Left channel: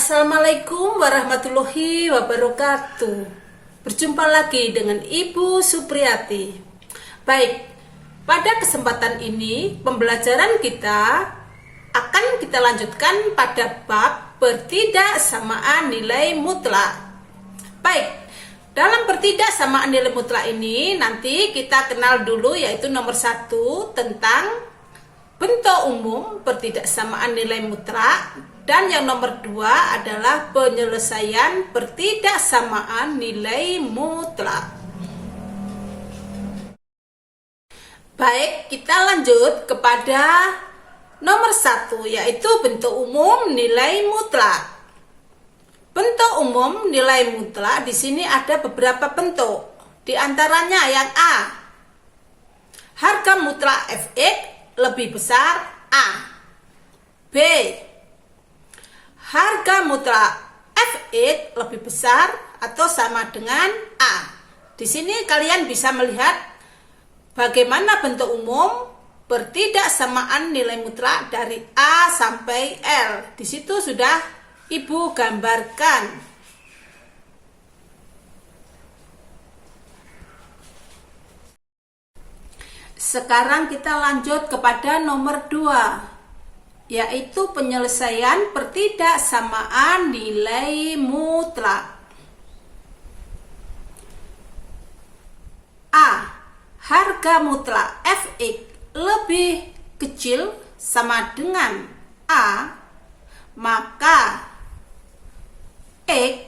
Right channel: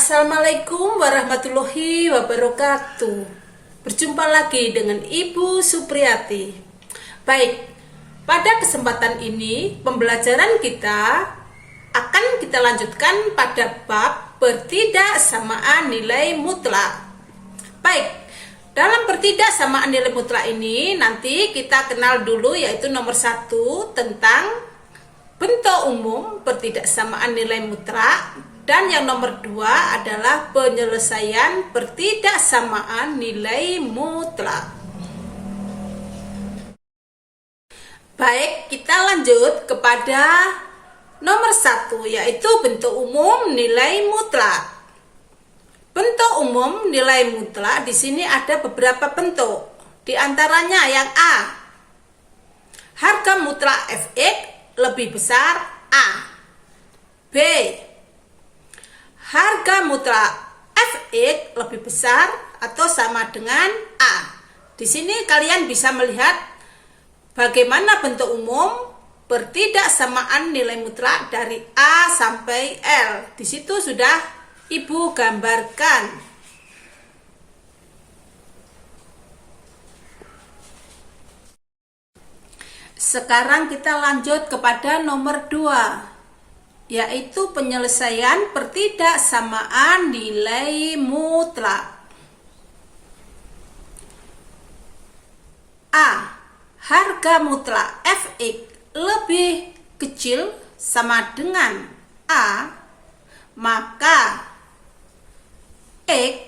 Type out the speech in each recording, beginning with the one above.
Assalamualaikum warahmatullahi wabarakatuh. Berjumpa lagi dengan Ibu Supriyati. Baik, pada kesempatan ini pembelajaran kita akan kita lanjutkan pada bab pertidaksamaan nilai mutlak. Baik, dalam pertidaksamaan nilai mutlak ini nanti kita kenal dulu, yaitu nomor 1 tentang bentuk umum pertidaksamaan nilai mutlak, dan yang nomor 2 adalah penyelesaian pertidaksamaan nilai mutlak. Baik, kita lanjut kepada nomor 1, yaitu bentuk umum nilai mutlak. Bentuk umum nilai mutlak di sini ada beberapa bentuk. Di antaranya yang A, harga mutlak Fx lebih besar A. B, harga mutlak Fx lebih besar atau sama dengan A. Di sini kalian bisa melihat bagaimana bentuk umum pertidaksamaan nilai mutlak dari A sampai L. Di situ sudah Ibu gambarkan. Sekarang kita lanjut kepada nomor 2, yaitu penyelesaian pertidaksamaan nilai mutlak. A, harga mutlak Fx lebih kecil sama dengan A, maka X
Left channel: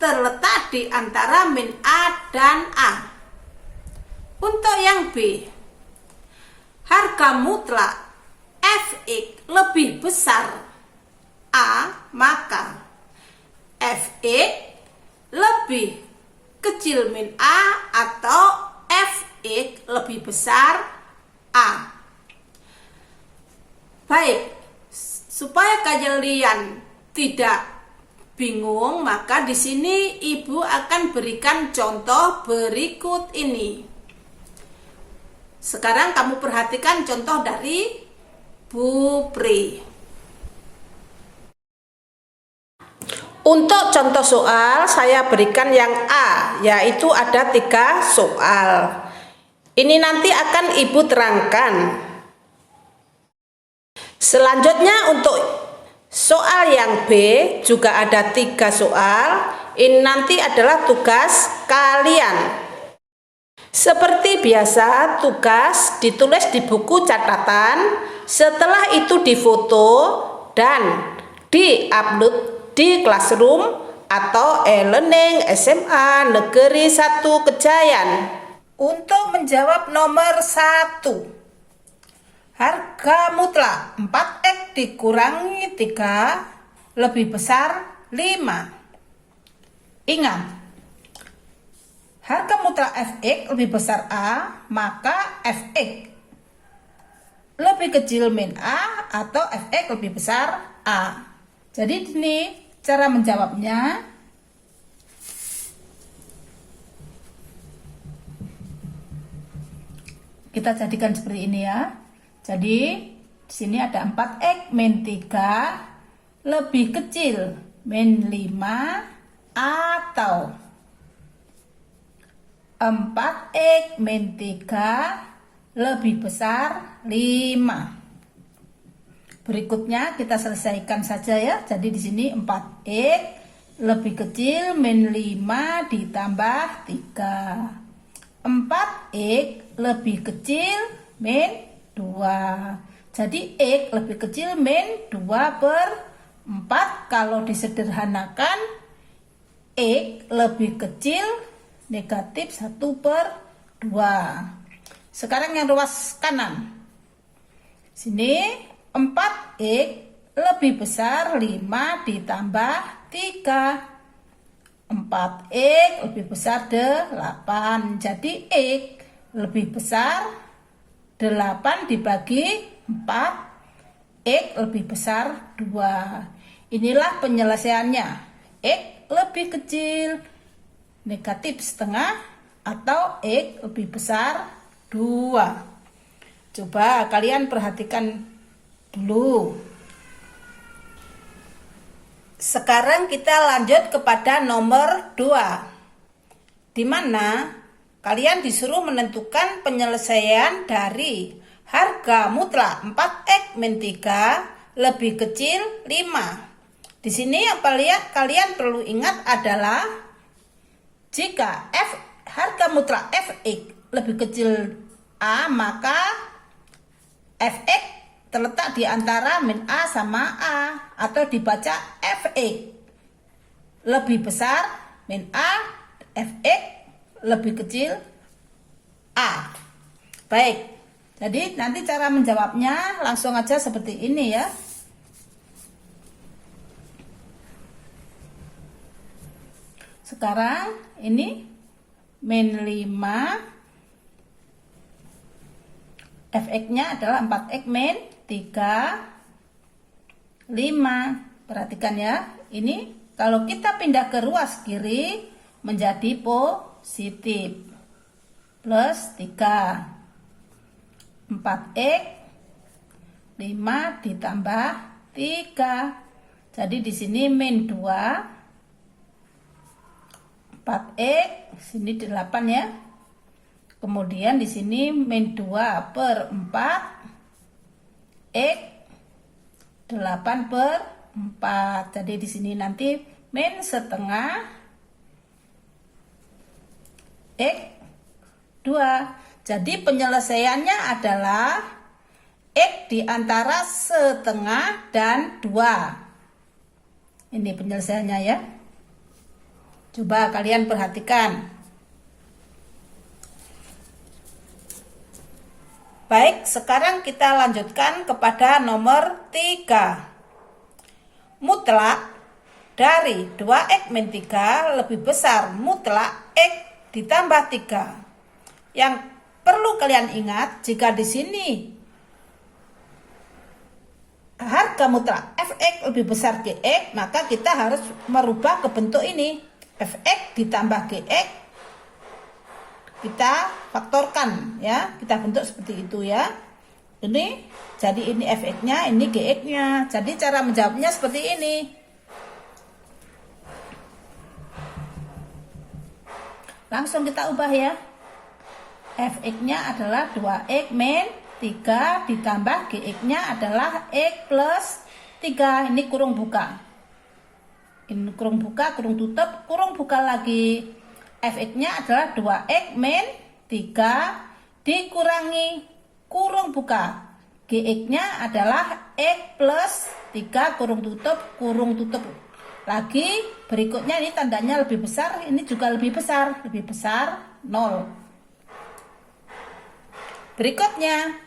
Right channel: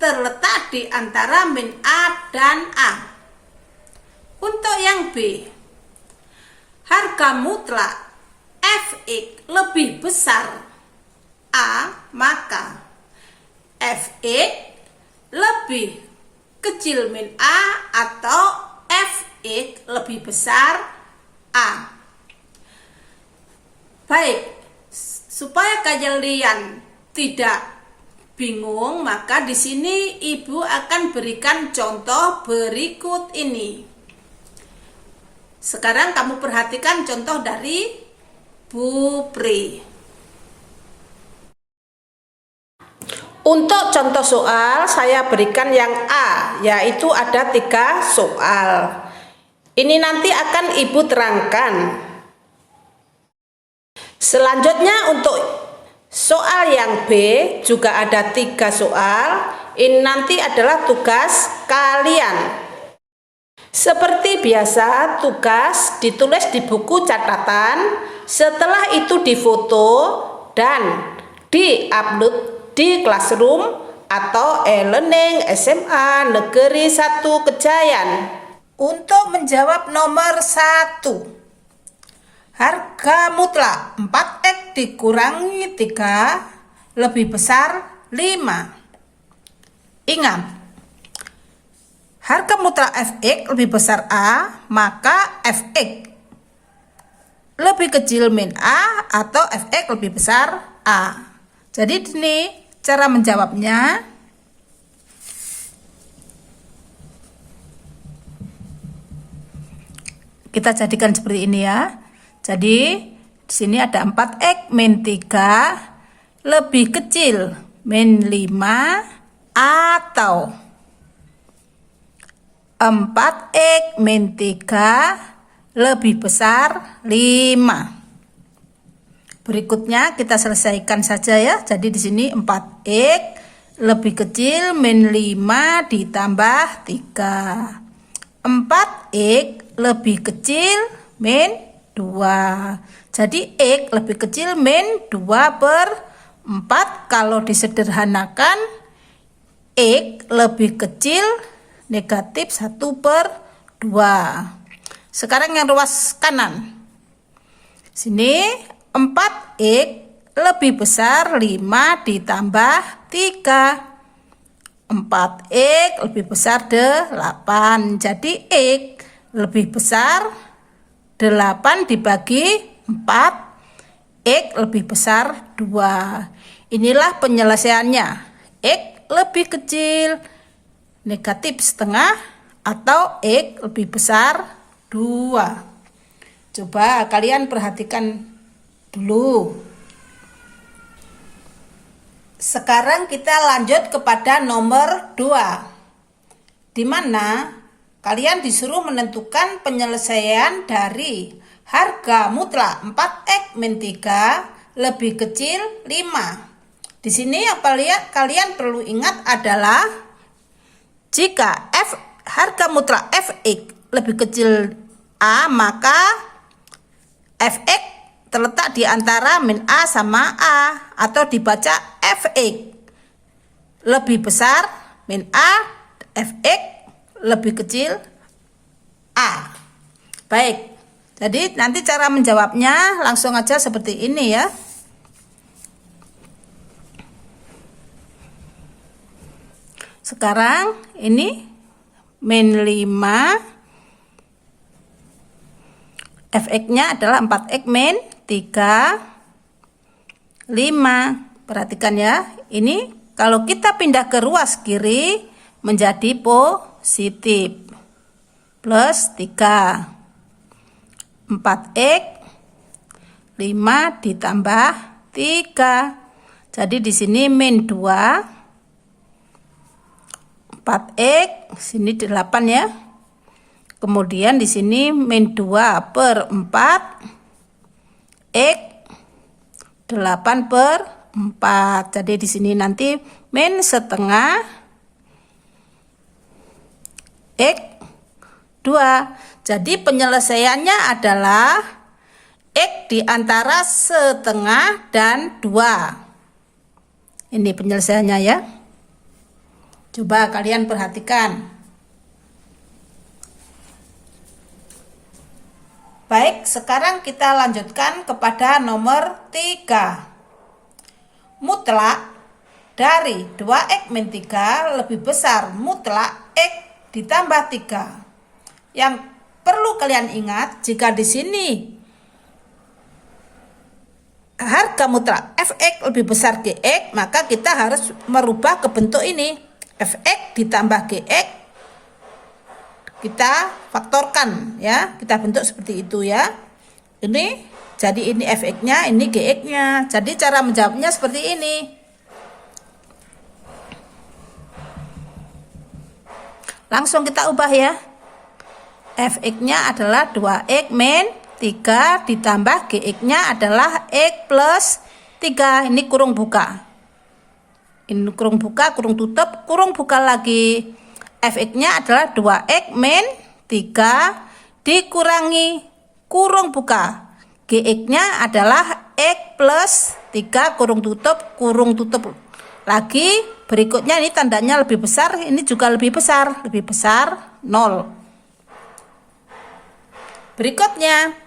terletak di antara min A dan A. Untuk yang B, harga mutlak Fx lebih besar A, maka Fx lebih kecil min A atau Fx lebih besar A. Baik, supaya kalian tidak bingung, maka di sini Ibu akan berikan contoh berikut ini. Sekarang kamu perhatikan contoh dari Bu Pri. Untuk contoh soal saya berikan yang A, yaitu ada 3 soal. Ini nanti akan Ibu terangkan. Selanjutnya untuk soal yang B juga ada 3 soal. Ini nanti adalah tugas kalian. Seperti biasa, tugas ditulis di buku catatan, setelah itu difoto dan di-upload di Classroom atau e-learning SMA Negeri 1 Kejayan. Untuk menjawab nomor 1, harga mutlak 4X dikurangi 3 lebih besar 5. Ingat, harga mutlak Fx lebih besar A, maka Fx lebih kecil min A atau Fx lebih besar A. Jadi ini cara menjawabnya. Kita jadikan seperti ini ya. Jadi di sini ada 4X min 3 lebih kecil min 5 atau 4X min 3 lebih besar 5. Berikutnya kita selesaikan saja ya. Jadi di sini 4X lebih kecil min 5 ditambah 3. 4X lebih kecil min 2. Jadi X lebih kecil min 2/4. Kalau disederhanakan, X lebih kecil negatif 1/2. Sekarang yang ruas kanan. Sini 4X lebih besar 5 ditambah 3. 4X lebih besar 8. Jadi X lebih besar 8 dibagi 4. X lebih besar 2. Inilah penyelesaiannya. X lebih kecil negatif setengah atau X lebih besar 2. Coba kalian perhatikan dulu. Sekarang kita lanjut kepada nomor 2, di mana kalian disuruh menentukan penyelesaian dari harga mutlak 4x-3 lebih kecil 5. Di sini yang kalian perlu ingat adalah jika harga mutlak fx lebih kecil a, maka fx terletak di antara min a sama a, atau dibaca fx lebih besar min a, fx lebih kecil a. Baik, jadi nanti cara menjawabnya langsung aja seperti ini ya. Sekarang ini min 5, fx-nya adalah 4x min 3, 5. Perhatikan ya, ini kalau kita pindah ke ruas kiri menjadi positif, plus 3, 4x 5 ditambah 3. Jadi di sini min 2, 4x, sini 8 ya. Kemudian di sini min 2 per 4 x 8 per 4. Jadi di sini nanti min setengah x 2. Jadi penyelesaiannya adalah x di antara setengah dan 2. Ini penyelesaiannya ya. Coba kalian perhatikan. Baik, sekarang kita lanjutkan kepada nomor 3. Mutlak dari 2x-3 lebih besar mutlak x ditambah 3. Yang perlu kalian ingat, jika di sini harga mutlak fx lebih besar gx, maka kita harus merubah ke bentuk ini. Fx ditambah gx kita faktorkan ya, kita bentuk seperti itu ya. Ini jadi ini fx-nya, ini gx-nya. Jadi cara menjawabnya seperti ini. Langsung kita ubah ya. Fx-nya adalah 2x min 3 ditambah gx-nya adalah x plus 3. Ini kurung buka. Ini kurung buka, kurung tutup, kurung buka lagi. Fx-nya adalah 2x min 3 dikurangi kurung buka. Gx-nya adalah x plus 3 kurung tutup lagi. Berikutnya ini tandanya lebih besar, ini juga lebih besar 0. Berikutnya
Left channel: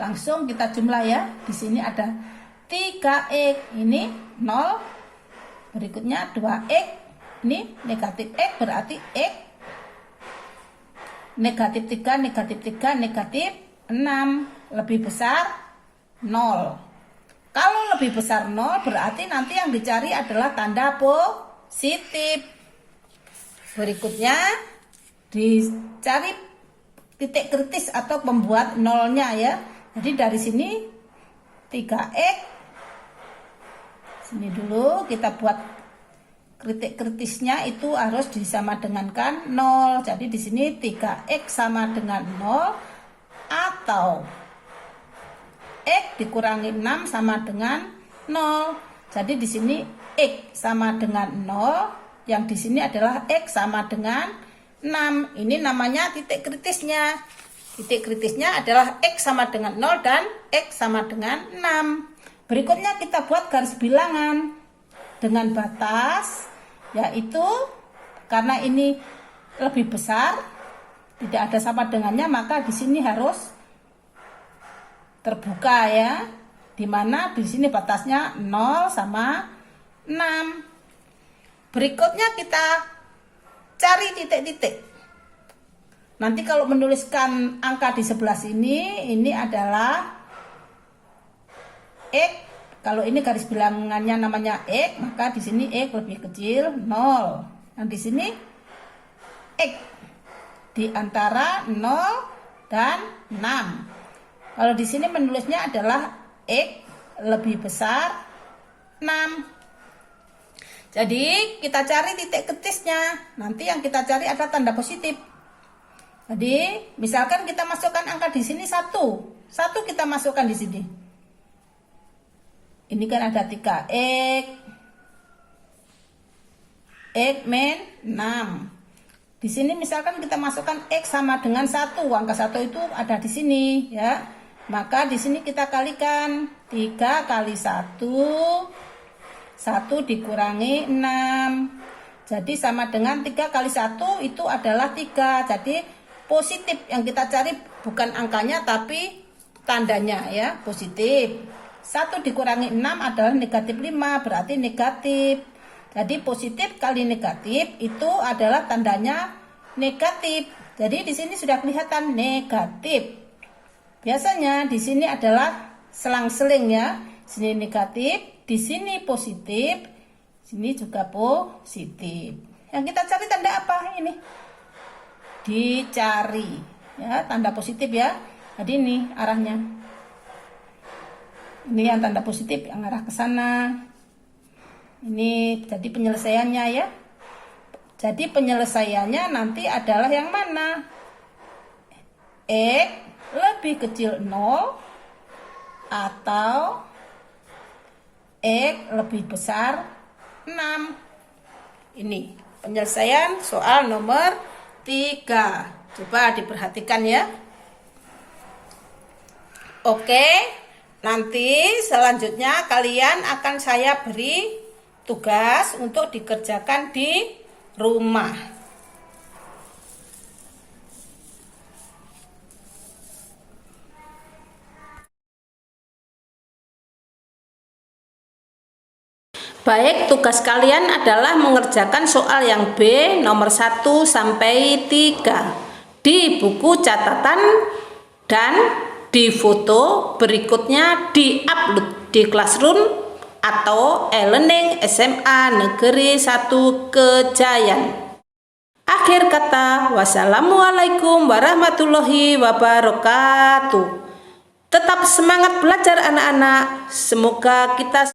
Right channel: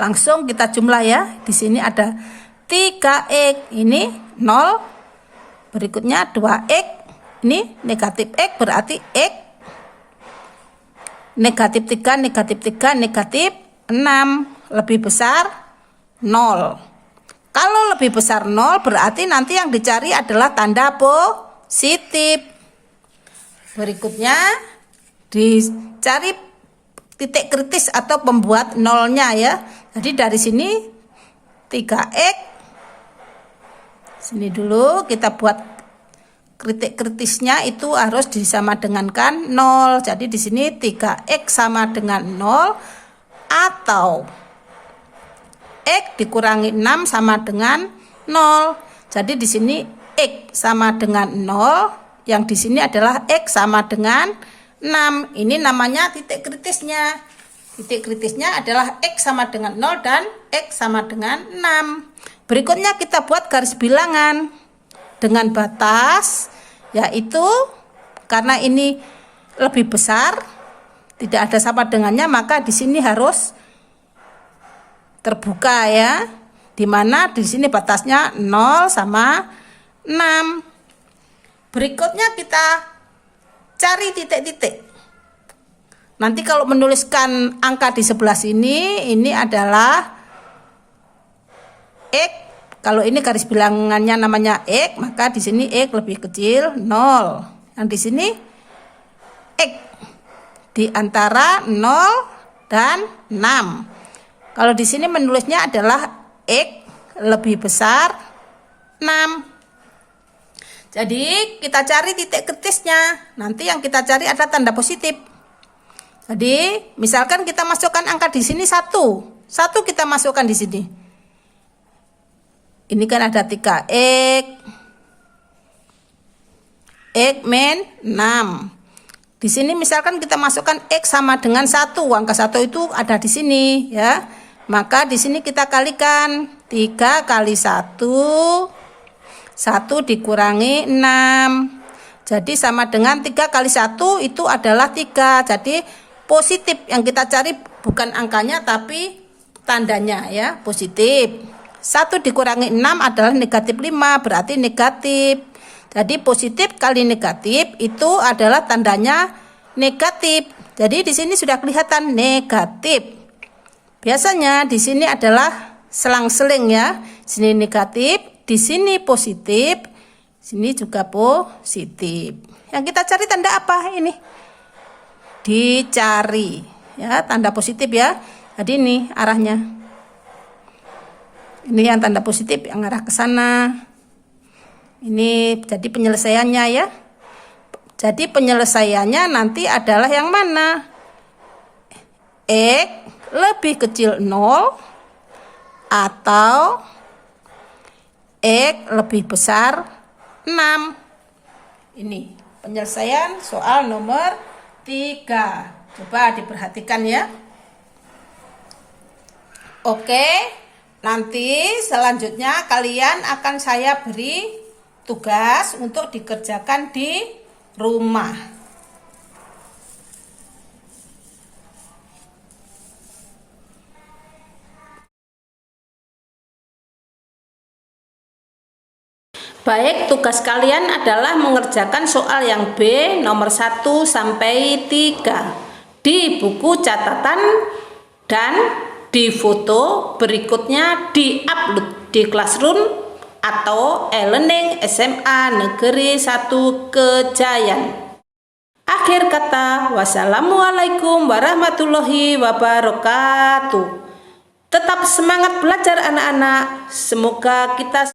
langsung kita jumlah ya. Di sini ada 3x, ini 0. Berikutnya 2x, ini negatif x, berarti x negatif 3, negatif 3, negatif 6, lebih besar 0. Kalau lebih besar 0 berarti nanti yang dicari adalah tanda positif. Berikutnya dicari titik kritis atau pembuat nolnya ya. Jadi dari sini 3x, sini dulu kita buat titik kritisnya, itu harus disama dengankan 0. Jadi di sini 3x sama dengan 0 atau x dikurangi 6 sama dengan 0. Jadi di sini x sama dengan 0, yang di sini adalah x sama dengan 6. Ini namanya titik kritisnya. Titik kritisnya adalah x sama dengan 0 dan x sama dengan 6. Berikutnya kita buat garis bilangan dengan batas, yaitu karena ini lebih besar, tidak ada sama dengannya, maka di sini harus terbuka ya. Dimana di sini batasnya 0 sama 6. Berikutnya kita cari titik-titik. Nanti kalau menuliskan angka di sebelah sini, ini adalah x. Kalau ini garis bilangannya namanya x, maka di sini x lebih kecil 0. Yang di sini x di antara 0 dan 6. Kalau di sini menulisnya adalah x lebih besar Jadi kita cari titik kritisnya. Nanti yang kita cari ada tanda positif. Jadi misalkan kita masukkan angka di sini 1. 1 kita masukkan di sini. Ini kan ada 3 X min 6. Di sini misalkan kita masukkan X sama dengan 1. Angka 1 itu ada di sini ya. Maka di sini kita kalikan 3 kali 1 dikurangi 6. Jadi sama dengan 3 kali 1 itu adalah 3. Jadi positif yang kita cari bukan angkanya tapi tandanya ya, positif. 1 dikurangi 6 adalah negatif 5, berarti negatif. Jadi positif kali negatif itu adalah tandanya negatif. Jadi di sini sudah kelihatan negatif. Biasanya di sini adalah selang-seling ya. Sini negatif, di sini positif, sini juga positif. Yang kita cari tanda apa ini? Dicari ya, tanda positif ya. Jadi ini arahnya. Ini yang tanda positif yang arah ke sana. Ini jadi penyelesaiannya ya. Jadi penyelesaiannya nanti adalah yang mana? X lebih kecil 0 atau X lebih besar 6. Ini penyelesaian soal nomor 3. Coba diperhatikan ya. Oke, nanti selanjutnya kalian akan saya beri tugas untuk dikerjakan di rumah. Baik, tugas kalian adalah mengerjakan soal yang B nomor 1 sampai 3 di buku catatan dan di foto berikutnya di-upload di Classroom atau e-learning SMA Negeri 1 Kejayan. Akhir kata, wassalamualaikum warahmatullahi wabarakatuh. Tetap semangat belajar anak-anak. Semoga kita